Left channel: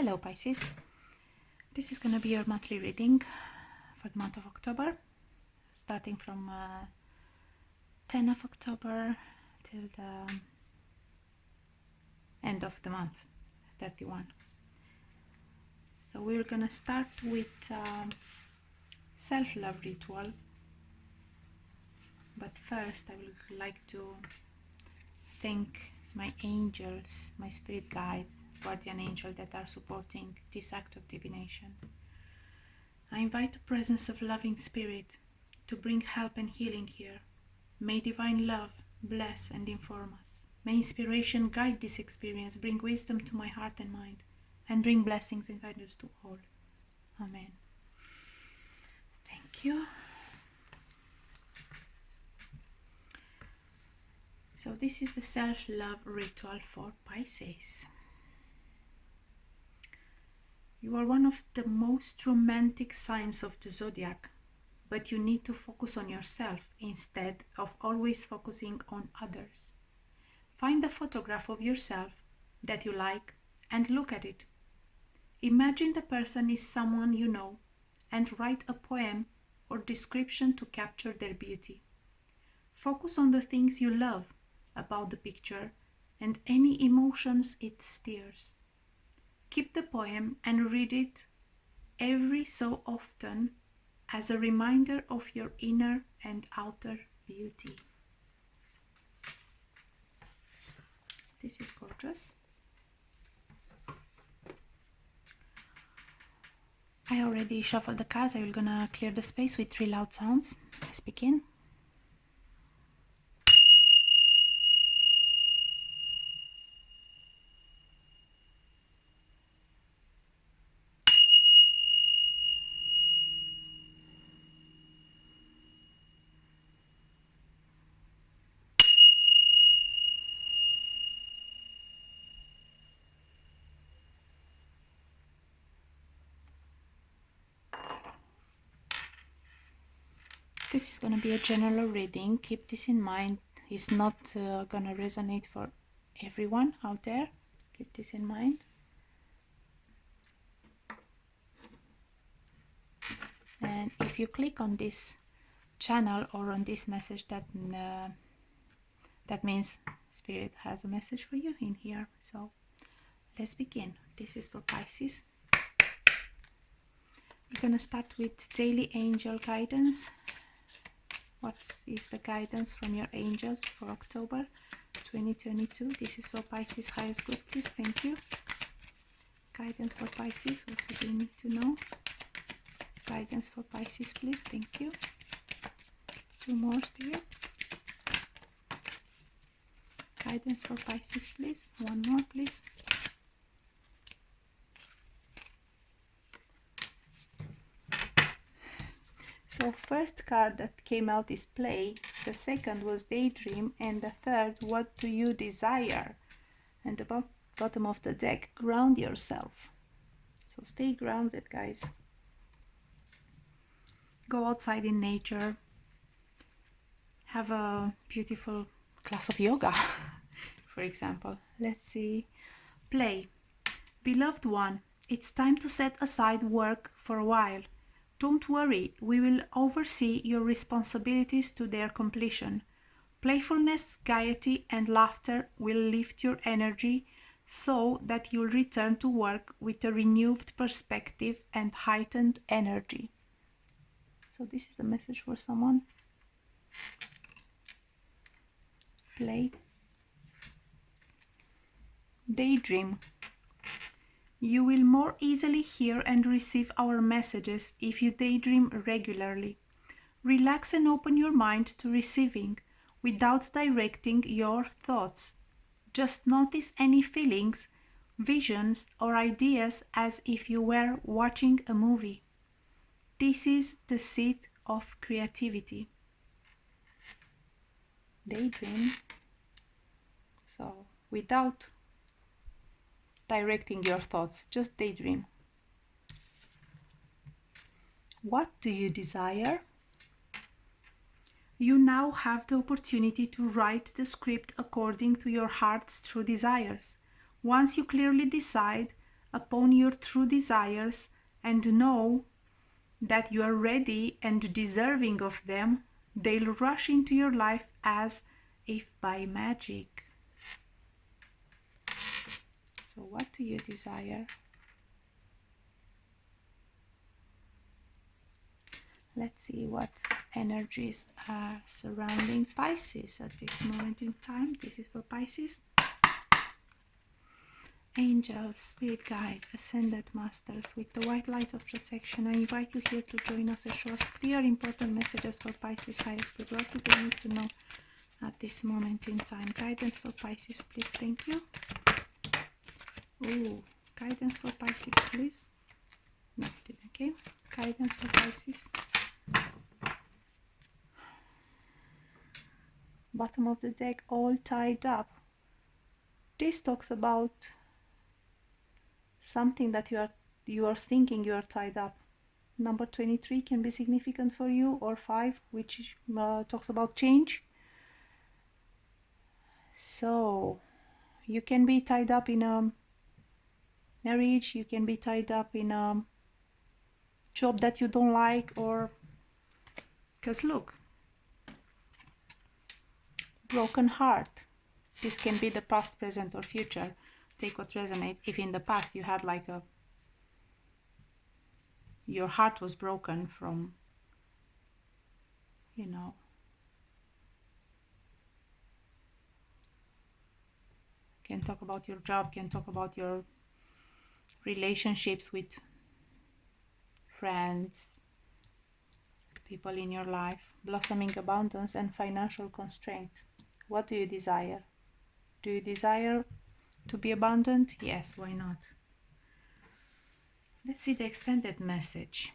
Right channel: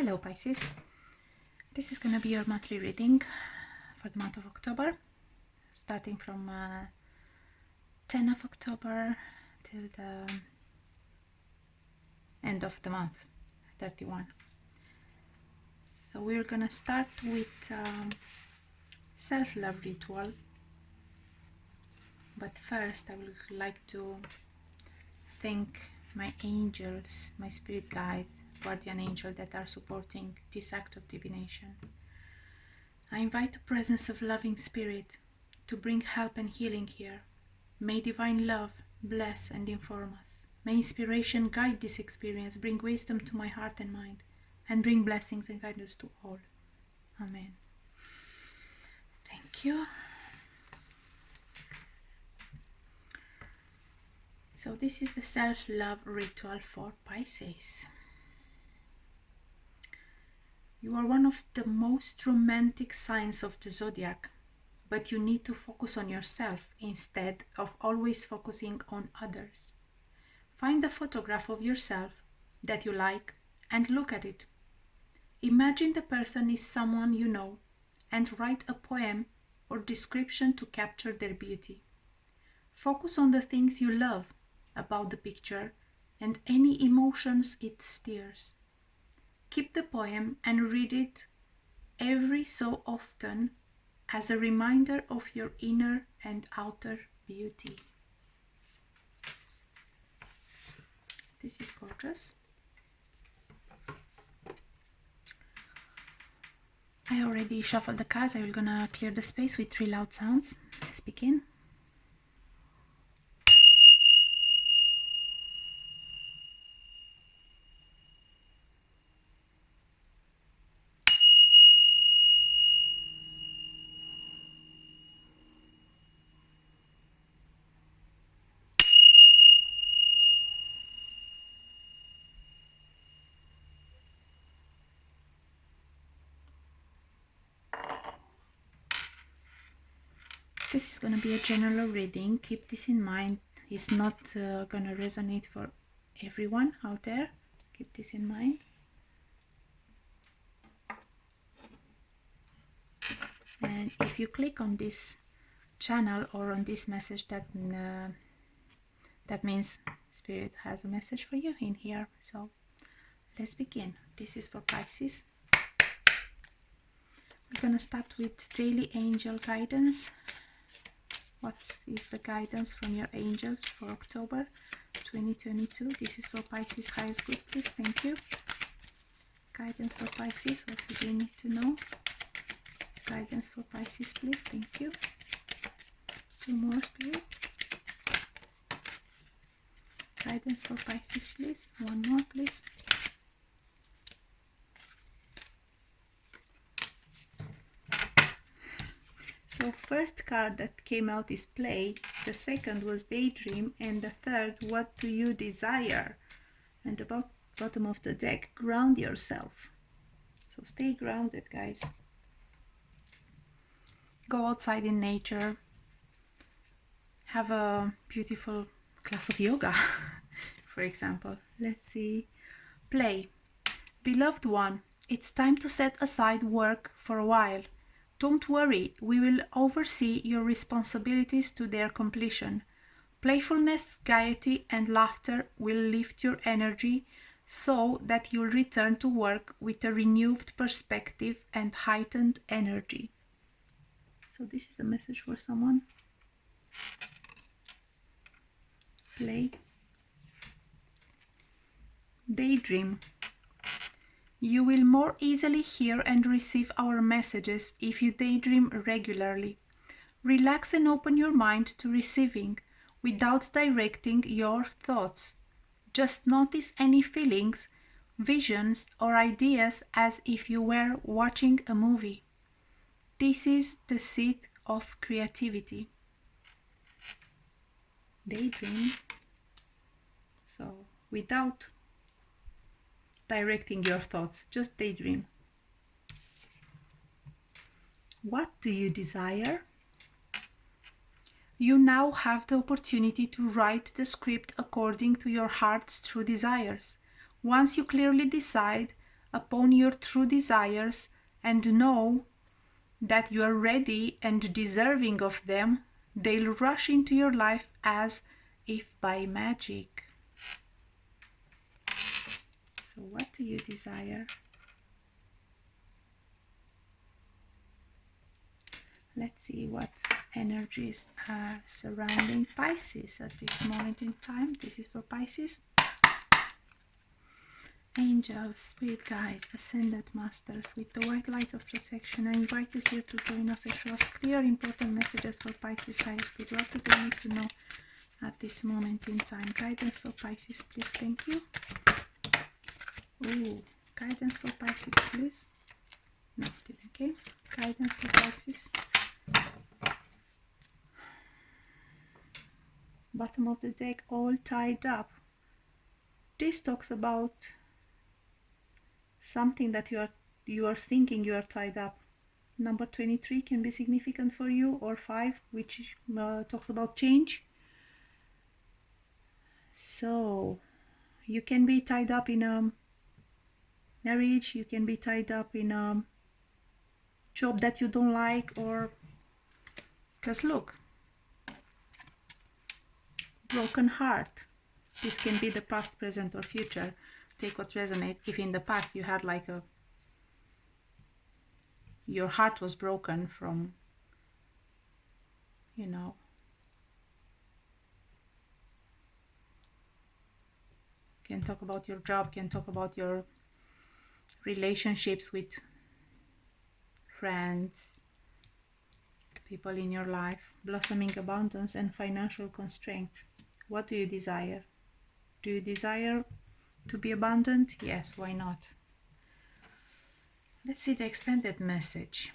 Hello Pisces, this is going to be your monthly reading for the month of October, starting from 10 of October till the end of the month, 31. So we're going to start with self-love ritual, but first I would like to thank my angels, my spirit guides, guardian angel that are supporting this act of divination. I invite the presence of loving spirit to bring help and healing here. May divine love bless and inform us. May inspiration guide this experience, bring wisdom to my heart and mind, and bring blessings and guidance to all. Amen. Thank you. So this is the self-love ritual for Pisces. You are one of the most romantic signs of the zodiac, but you need to focus on yourself instead of always focusing on others. Find a photograph of yourself that you like and look at it. Imagine the person is someone you know and write a poem or description to capture their beauty. Focus on the things you love about the picture and any emotions it stirs. Keep the poem and read it every so often as a reminder of your inner and outer beauty. This is gorgeous. I already shuffled the cards. I'm gonna clear the space with 3 loud sounds. Let's begin. This is going to be a general reading. Keep this in mind. It's not going to resonate for everyone out there. Keep this in mind. And if you click on this channel or on this message, that means Spirit has a message for you in here. So let's begin. This is for Pisces. We're going to start with daily angel guidance. What is the guidance from your angels for October 2022? This is for Pisces highest good, please. Thank you. Guidance for Pisces. What do you need to know? Guidance for Pisces, please. Thank you. 2 more, Spirit. Guidance for Pisces, please. 1 more, please. So first card that came out is play, the second was daydream, and the third, what do you desire? And the bottom of the deck, ground yourself. So stay grounded, guys. Go outside in nature. Have a beautiful class of yoga, for example. Let's see. Play. Beloved one, it's time to set aside work for a while. Don't worry, we will oversee your responsibilities to their completion. Playfulness, gaiety, and laughter will lift your energy so that you'll return to work with a renewed perspective and heightened energy. So this is a message for someone. Play. Daydream. You will more easily hear and receive our messages if you daydream regularly. Relax and open your mind to receiving without directing your thoughts. Just notice any feelings, visions, or ideas as if you were watching a movie. This is the seat of creativity. Daydream. So, without directing your thoughts, just daydream. What do you desire? You now have the opportunity to write the script according to your heart's true desires. Once you clearly decide, upon your true desires and know that you are ready and deserving of them, they'll rush into your life as if by magic. So what do you desire? Let's see what energies are surrounding Pisces at this moment in time. This is for Pisces. Angels, spirit guides, ascended masters, with the white light of protection, I invite you here to join us and show us clear, important messages for Pisces high spirit. What do they need to know at this moment in time? Guidance for Pisces, please. Thank you. Ooh, guidance for Pisces, please. Noted, okay? Guidance for Pisces. Bottom of the deck, all tied up. This talks about something that you are thinking you are tied up. Number 23 can be significant for you, or 5, which talks about change. So you can be tied up in a marriage, you can be tied up in a job that you don't like, or because look, broken heart. This can be the past, present, or future. Take what resonates. If in the past you had like your heart was broken from, you know, can talk about your job, can talk about your relationships with friends, people in your life, blossoming abundance and financial constraint. What do you desire? Do you desire to be abundant? Yes, why not? Let's see the extended message.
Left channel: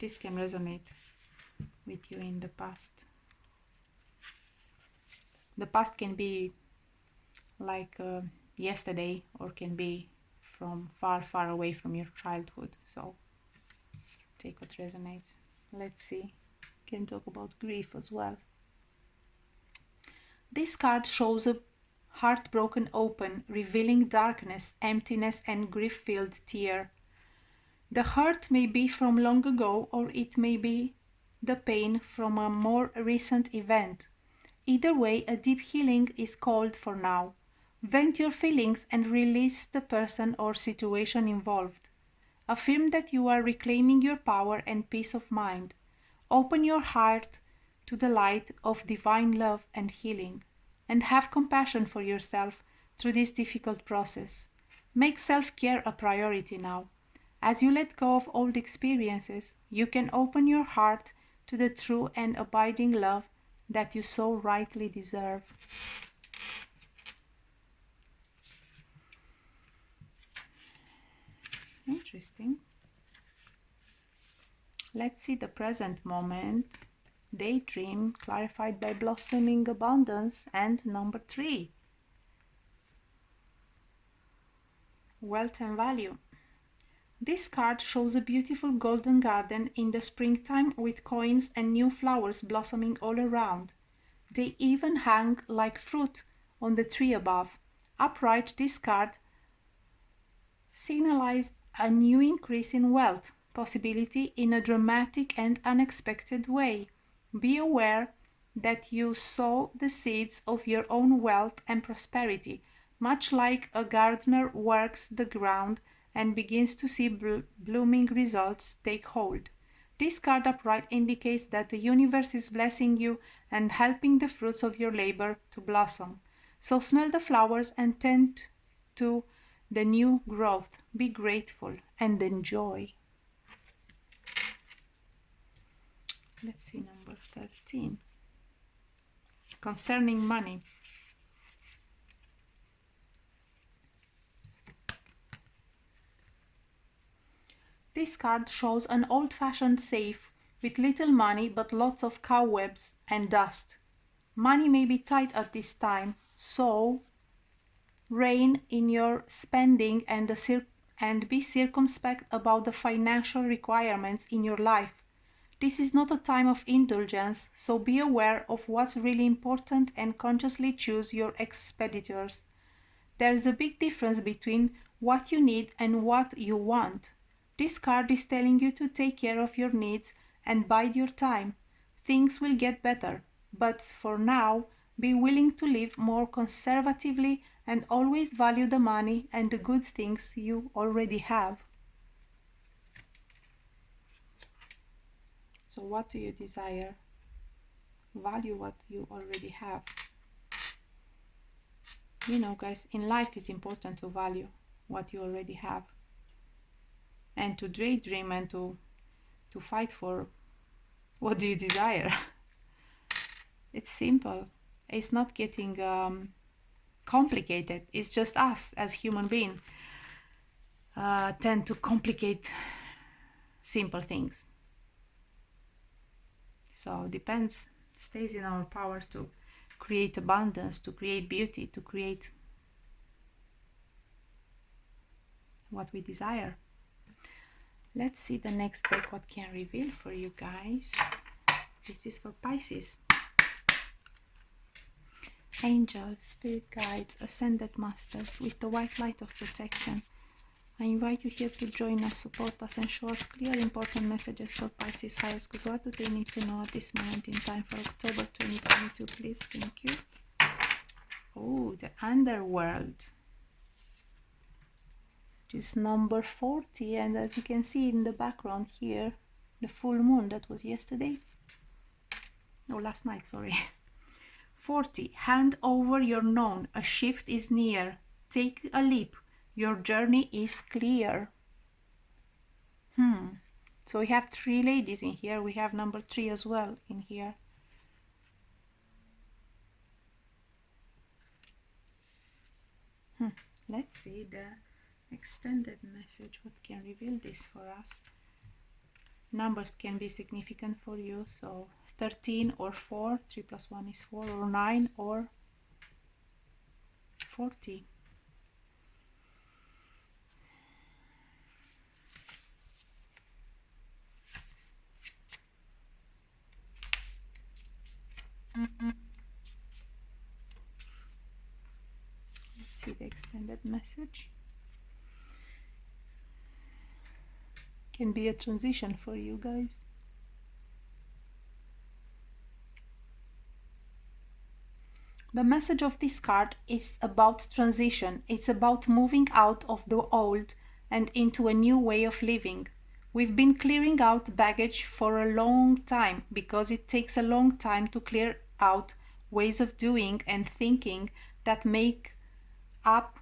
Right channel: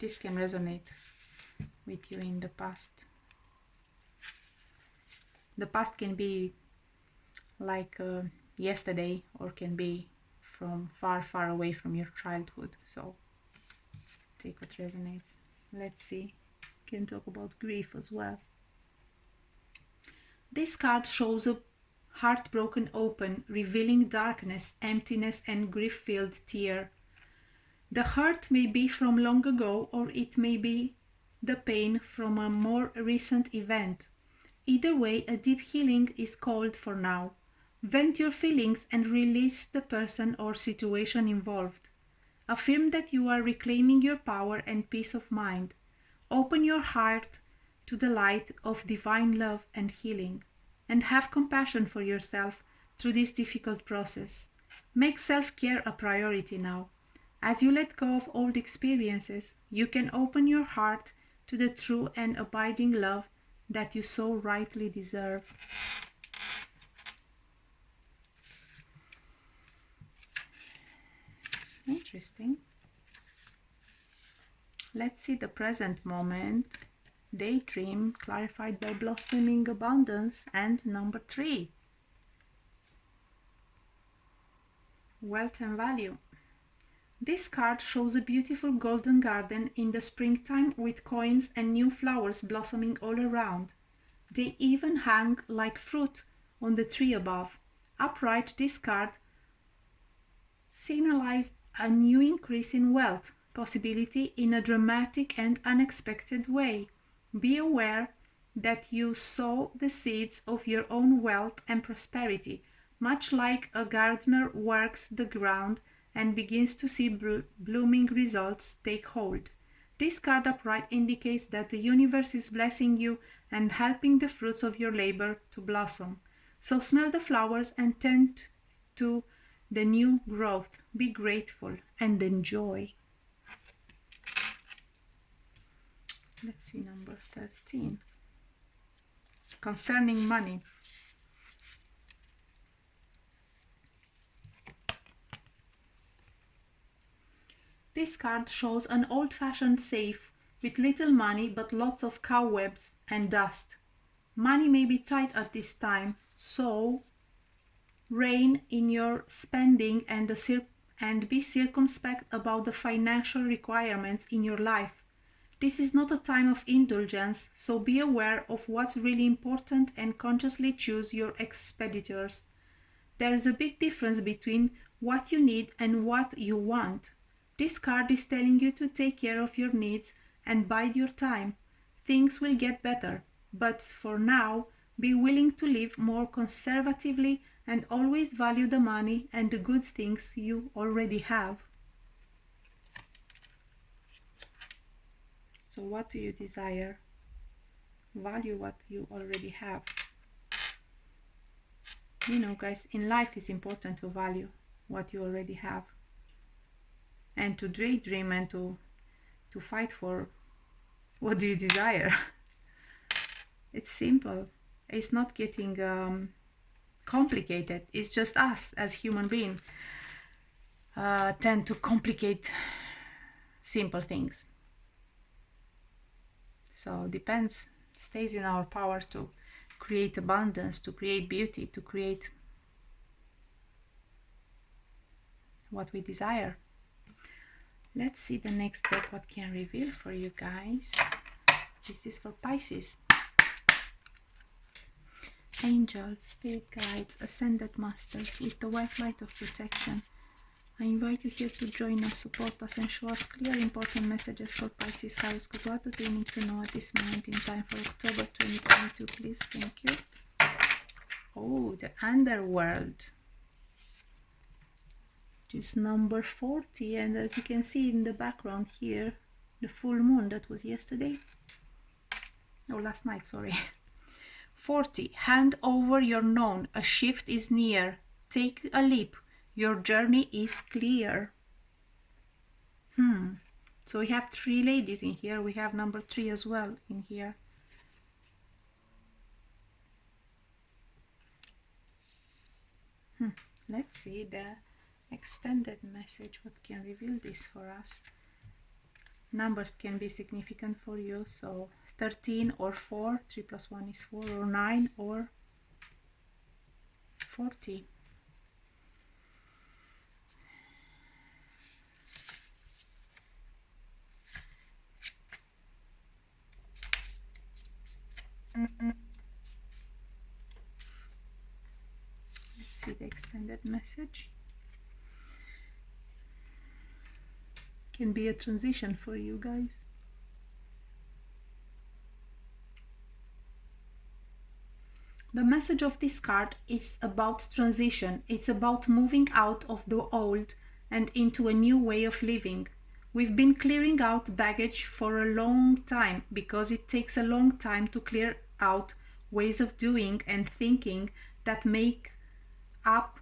This can resonate with you in the past. The past can be like yesterday, or can be from far, far away from your childhood. So take what resonates. Let's see. Can talk about grief as well. This card shows a heart broken open, revealing darkness, emptiness, and grief-filled tear. The hurt may be from long ago, or it may be the pain from a more recent event. Either way, a deep healing is called for now. Vent your feelings and release the person or situation involved. Affirm that you are reclaiming your power and peace of mind. Open your heart to the light of divine love and healing, and have compassion for yourself through this difficult process. Make self-care a priority now. As you let go of old experiences, you can open your heart to the true and abiding love that you so rightly deserve. Interesting. Let's see the present moment. Daydream, clarified by blossoming abundance, and number 3. Wealth and value. This card shows a beautiful golden garden in the springtime with coins and new flowers blossoming all around. They even hang like fruit on the tree above. Upright, this card signalized a new increase in wealth possibility in a dramatic and unexpected way. Be aware that you sow the seeds of your own wealth and prosperity, much like a gardener works the ground and begins to see blooming results take hold. This card upright indicates that the universe is blessing you and helping the fruits of your labor to blossom. So smell the flowers and tend to the new growth. Be grateful and enjoy. Let's see number 13. Concerning money. This card shows an old-fashioned safe with little money but lots of cobwebs and dust. Money may be tight at this time, so rein in your spending and be circumspect about the financial requirements in your life. This is not a time of indulgence, so be aware of what's really important and consciously choose your expenditures. There is a big difference between what you need and what you want. This card is telling you to take care of your needs and bide your time. Things will get better, but for now, be willing to live more conservatively and always value the money and the good things you already have. So what do you desire? Value what you already have. You know, guys, in life it's important to value what you already have and to daydream and to fight for what do you desire. It's simple. It's not getting complicated. It's just us as human beings tend to complicate simple things. So depends, stays in our power to create abundance, to create beauty, to create what we desire. Let's see the next deck, what can reveal for you guys. This is for Pisces. Angels, spirit guides, ascended masters, with the white light of protection. I invite you here to join us, support us, and show us clear, important messages for Pisces High School. What do they need to know at this moment in time for October 2022, please? Thank you. Oh, the underworld. Which is number 40, and as you can see in the background here, the full moon that was yesterday. No, last night, sorry. 40. Hand over your known. A shift is near. Take a leap. Your journey is clear. So we have 3 ladies in here. We have number 3 as well in here. Let's see the extended message. What can reveal this for us? Numbers can be significant for you. So 13 or 4. 3 plus 1 is 4, or 9 or 40. Let's see the extended message. Can be a transition for you guys. The message of this card is about transition. It's about moving out of the old and into a new way of living. We've been clearing out baggage for a long time because it takes a long time to clear out ways of doing and thinking that make up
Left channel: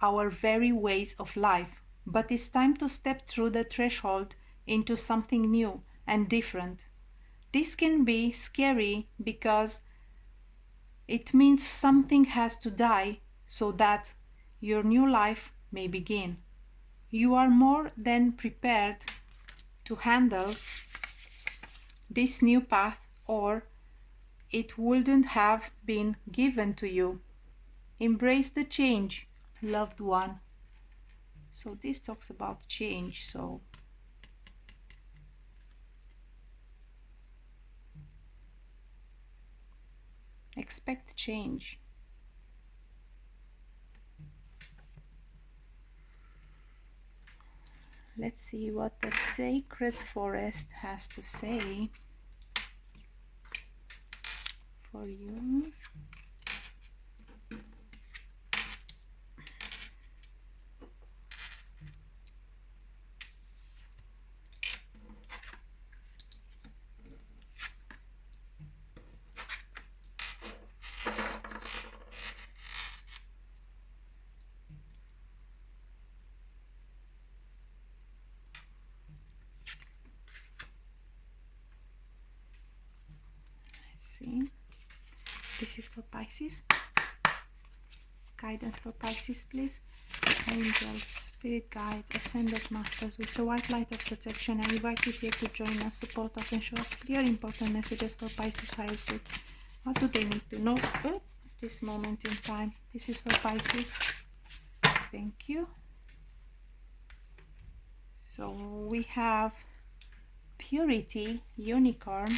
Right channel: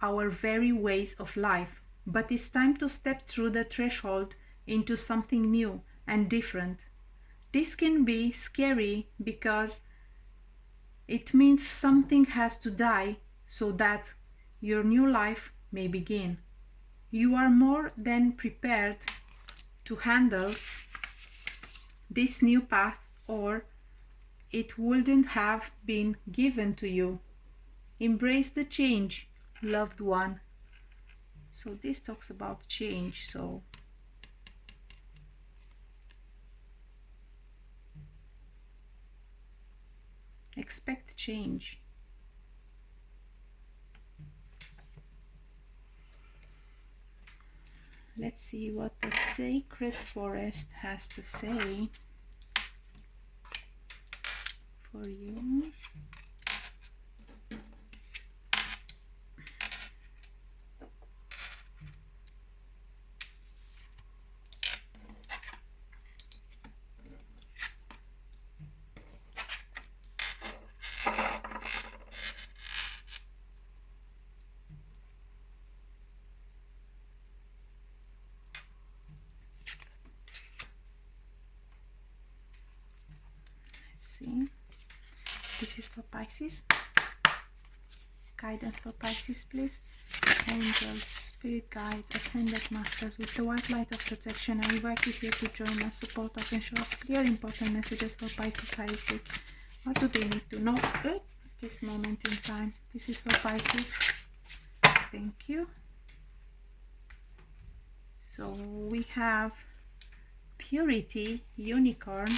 our very ways of life. But it's time to step through the threshold into something new and different. This can be scary because it means something has to die so that your new life may begin. You are more than prepared to handle this new path, or it wouldn't have been given to you. Embrace the change, loved one. So this talks about change. So expect change. Let's see what the sacred forest has to say for you. See, this is for Pisces. Guidance for Pisces, please. Angels, spirit guides, ascended masters, with the white light of protection, I invite you here to join us, support us, and show us clear, important messages for Pisces High School. What do they need to know at this moment in time? This is for Pisces. Thank you. So we have Purity, Unicorn,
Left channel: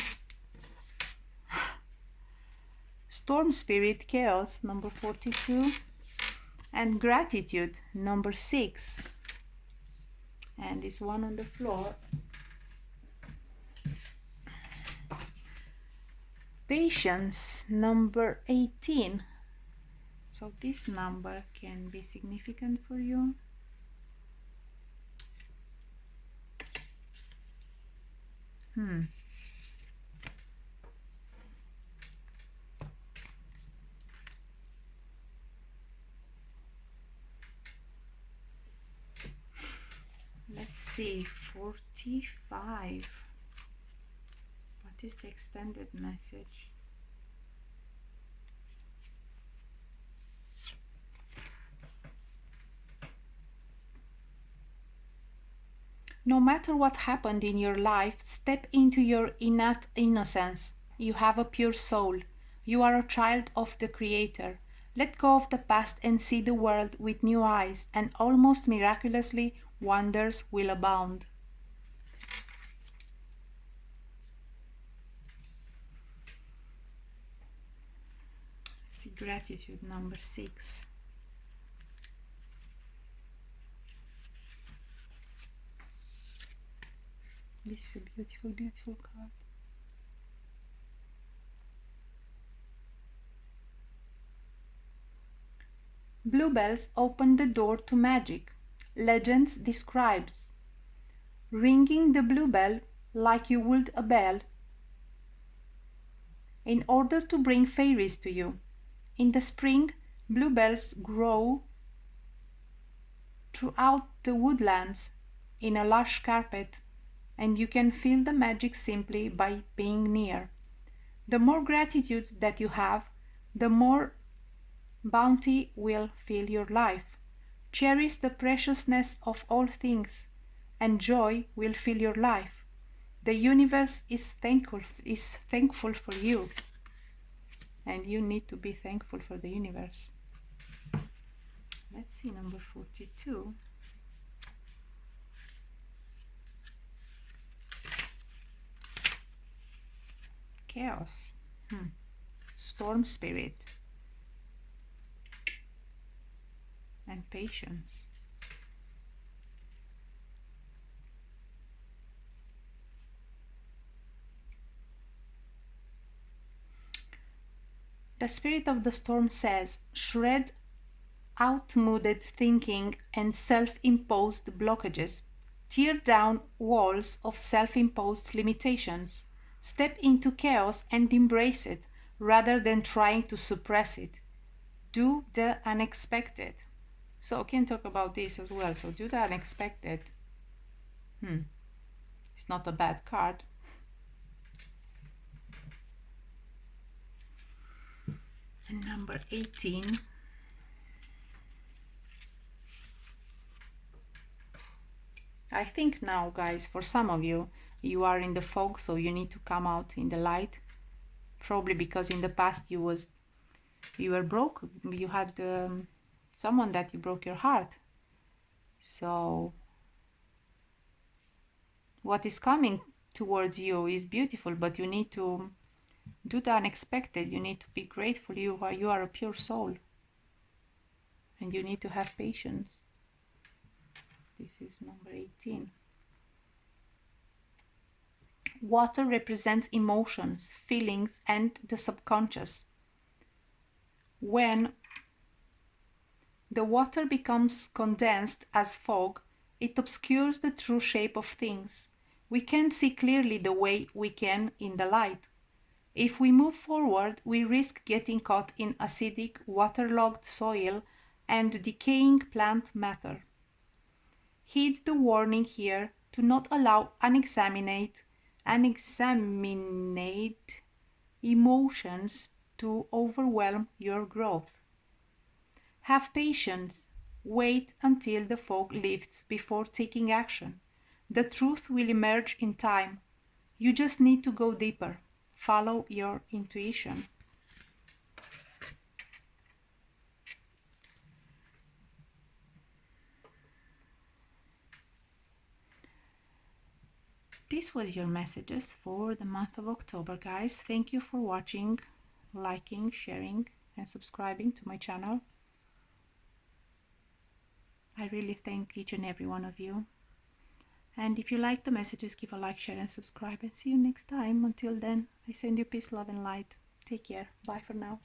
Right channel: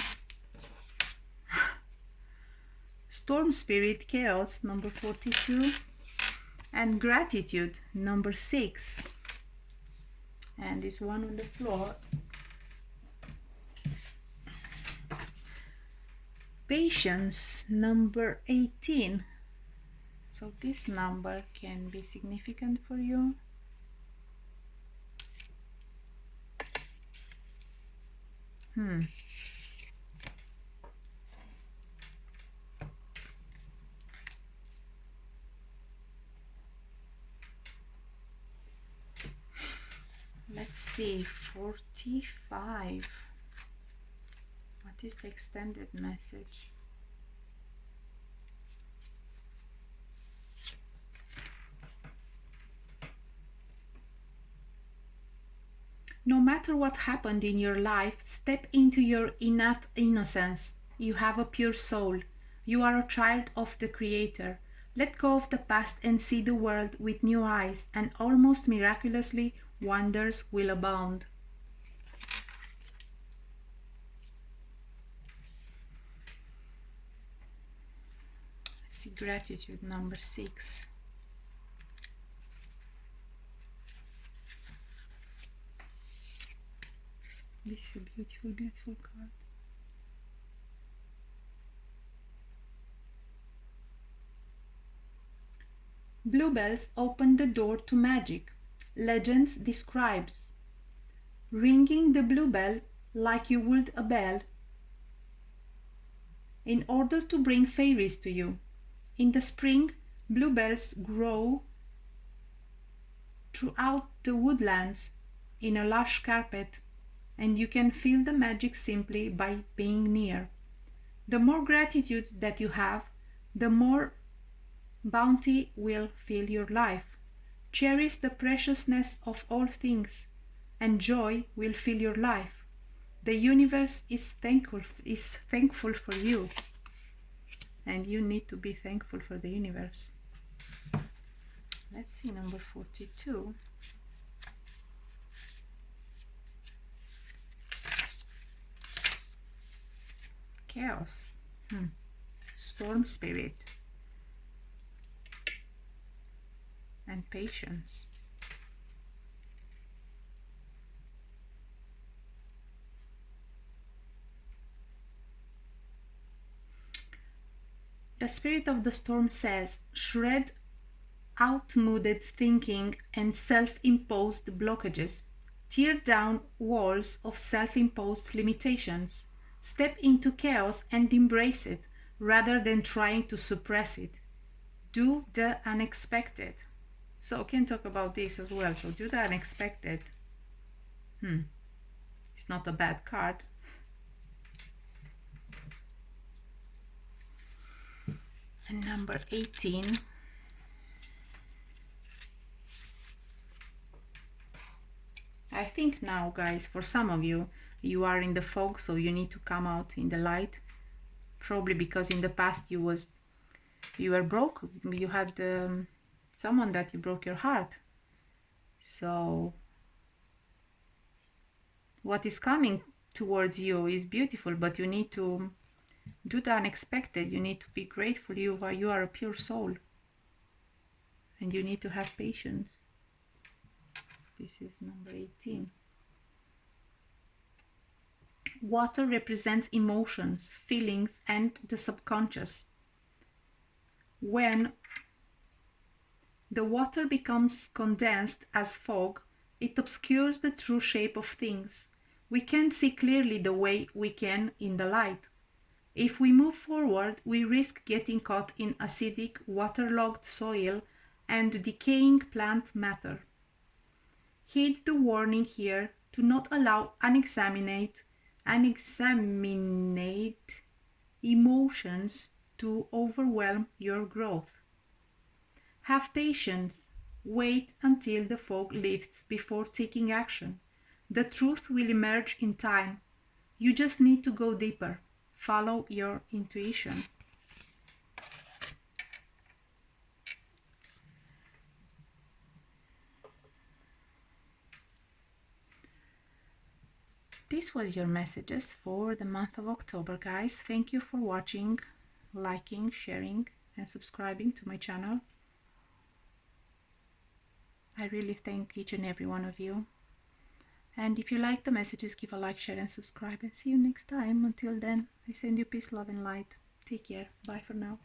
Storm Spirit, Chaos, number 42, And gratitude, number 6. And this one on the floor. Patience, number 18. So this number can be significant for you. Let's see, 45. What is the extended message? No matter what happened in your life, step into your innate innocence. You have a pure soul. You are a child of the Creator. Let go of the past and see the world with new eyes, and almost miraculously, wonders will abound. Let's see, gratitude, number 6. This is a beautiful, beautiful card. Bluebells open the door to magic. Legends describes ringing the bluebell like you would a bell in order to bring fairies to you. In the spring, bluebells grow throughout the woodlands in a lush carpet, and you can feel the magic simply by being near. The more gratitude that you have, the more bounty will fill your life. Cherish the preciousness of all things, and joy will fill your life. The universe is thankful for you, and you need to be thankful for the universe. Let's see, number 42. Chaos. Storm spirit. And patience. The spirit of the storm says, shred outmoded thinking and self-imposed blockages. Tear down walls of self-imposed limitations. Step into chaos and embrace it, rather than trying to suppress it. Do the unexpected. So can talk about this as well. So do the unexpected. It's not a bad card. And number 18. I think now, guys, for some of you, you are in the fog, so you need to come out in the light. Probably because in the past you were broke. You had someone that you broke your heart. So what is coming towards you is beautiful, but you need to do the unexpected. You need to be grateful. You are a pure soul, and you need to have patience. This is number 18. Water represents emotions, feelings, and the subconscious. When the water becomes condensed as fog, it obscures the true shape of things. We can't see clearly the way we can in the light. If we move forward, we risk getting caught in acidic, waterlogged soil and decaying plant matter. Heed the warning here to not allow unexamined emotions to overwhelm your growth. Have patience. Wait until the fog lifts before taking action. The truth will emerge in time. You just need to go deeper. Follow your intuition. This was your messages for the month of October, guys. Thank you for watching, liking, sharing, and subscribing to my channel. I really thank each and every one of you. And if you like the messages, give a like, share, and subscribe. And see you next time. Until then, I send you peace, love, and light. Take care. Bye for now.